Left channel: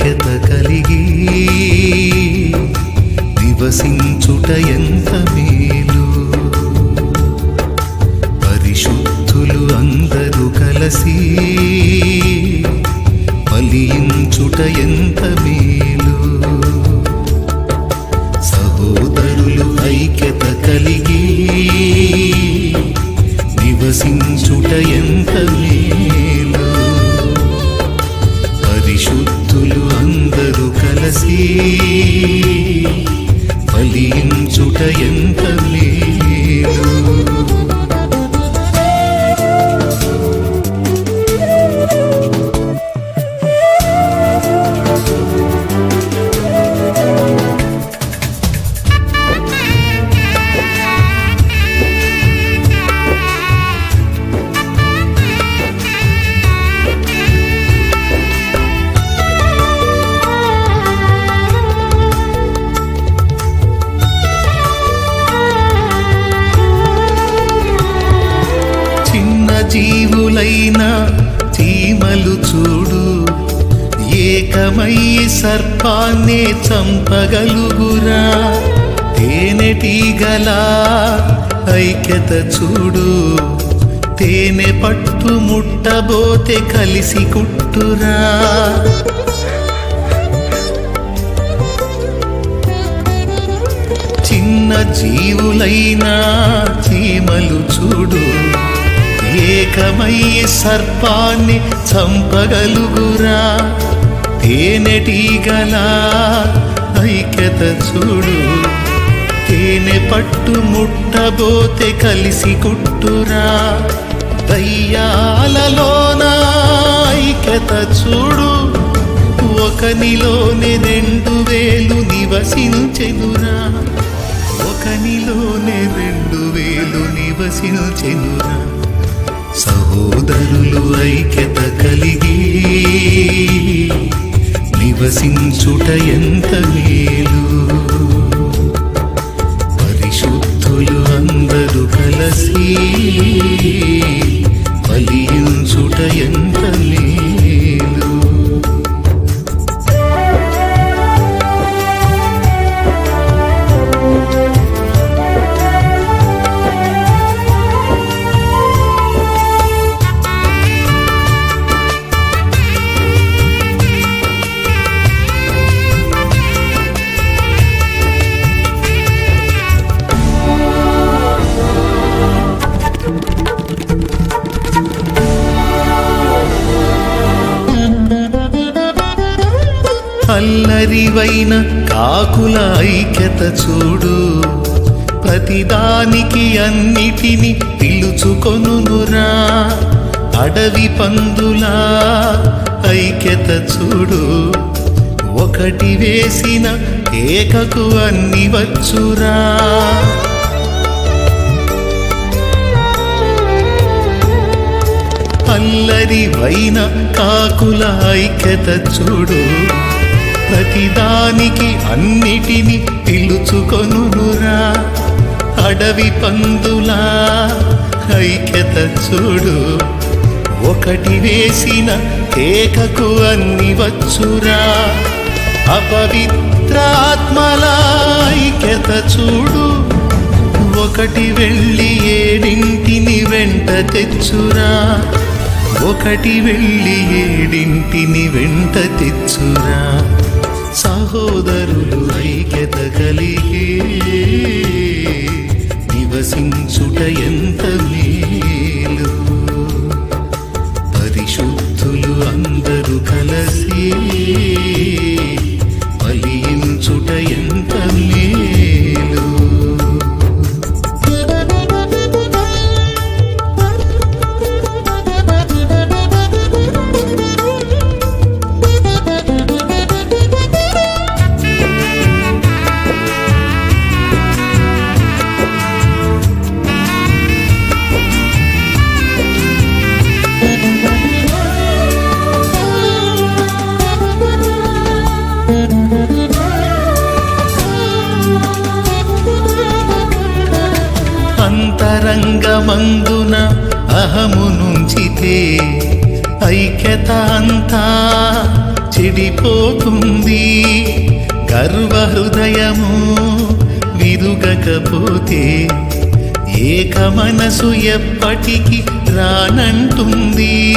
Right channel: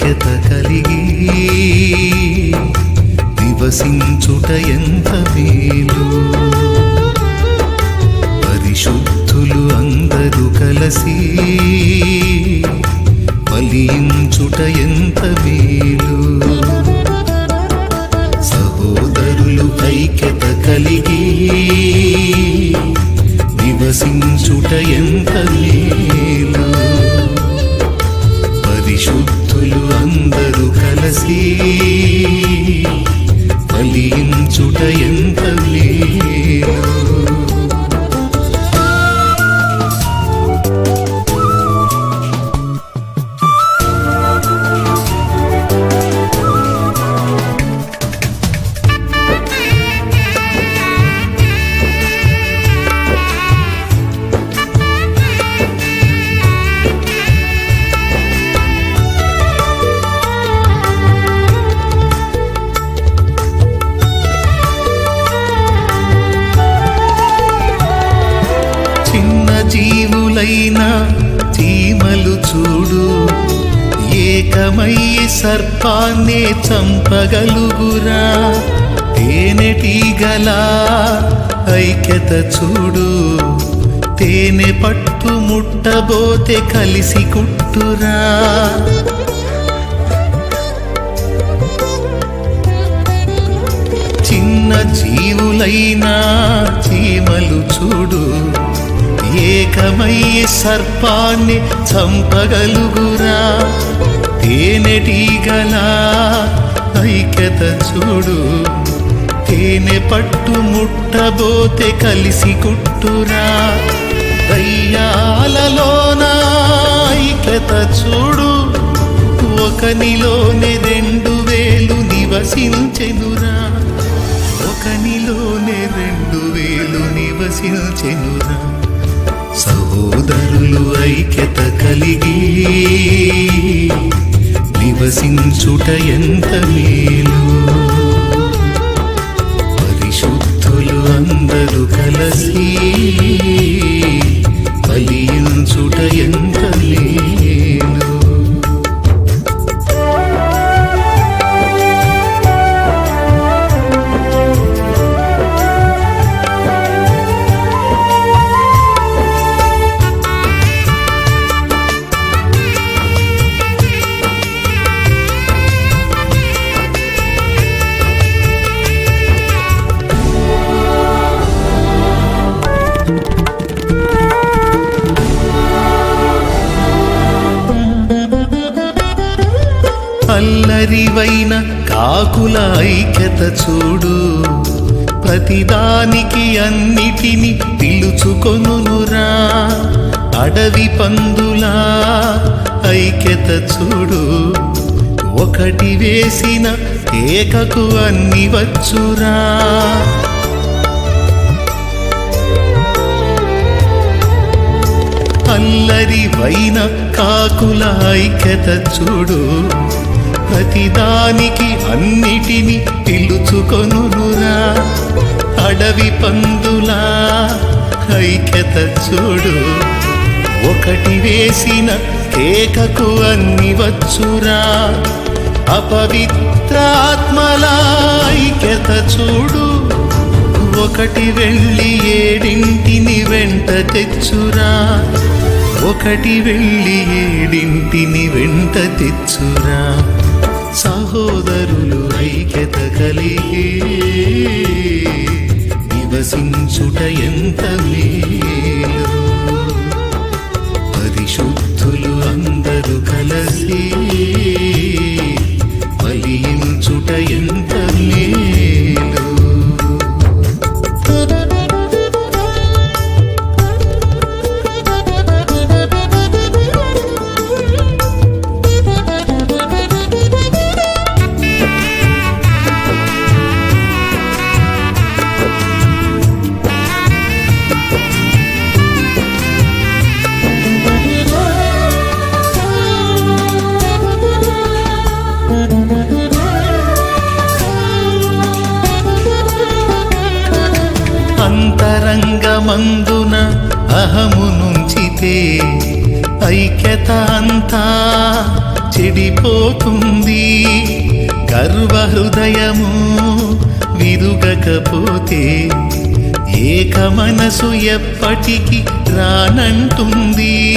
ఐక్యత కలిగి నివసించుట ఎంత మేలు. పరిశుద్ధులు అందరూ కలసి ఫలించుట ఎంత మేలు. సహోదరులు ఐక్యత కలిగి నివసించుట ఎంత మేలు. పరిశుద్ధులు అందరూ కలసి ఫలించుట ఎంత మేలు. చిన్న జీవులైన చీమలు చూడు, ఏకమయ్యి సర్పాన్నే చంపగలుగురా. తేనెటీగల ఐక్యత చూడు, తేనె పట్టు ముట్టబోతే కలిసి కుట్టురా. చిన్న జీవులైన చీమలు చూడు, ఏకమయ్యే సర్పాన్ని చంపగలుగురా. తేనెటీగల ఐక్యత చూడు, తేనె పట్టు ముట్టబోతే కలిసి కుట్టురా. దయ్యాలలోన ఐక్యత చూడు, ఒకనిలోనే 2000 నివసించెనురా. ఒకనిలోనే 2000 నివసించెనురా. సహోదరులు ఐక్యత కలిగి నివసించుట ఎంత మేలు. పరిశుద్ధులు అందరూ కలసి ఫలించుట ఎంత మేలు. అల్లరివైన కాకుల ఐక్యత చూడు, ప్రతిదానికి అన్నిటిని పిలుచుకొనురా. అడవి పందుల ఐక్యత చూడు, ఒకటి వేసిన ఏకకు అన్ని వచ్చురా. అల్లరివైన కాకుల ఐక్యత చూడు, ప్రతిదానికి అన్నిటిని పిలుచుకొనురా. అడవి పందుల ఐక్యత చూడు, ఒకటి వేసిన ఏకకు అన్ని వచ్చురా. అపవిత్ర ఆత్మల ఐక్యత చూడు, ఒకటి వెళ్ళి 7 వెంట తెచ్చురా. ఒకటి వెళ్ళి 7 వెంట తెచ్చురా. సహోదరులు ఐక్యత కలిగి నివసించుట ఎంత మేలు. పరిశుద్ధులు అందరూ కలసి ఫలించుట ఎంత మేలు. అంతరంగమందున అహము నుంచితే ఐక్యత అంతా చెడిపోతుంది. గర్వ హృదయము విరుగకపోతే ఏక మనసు ఎప్పటికీ రానంటుంది.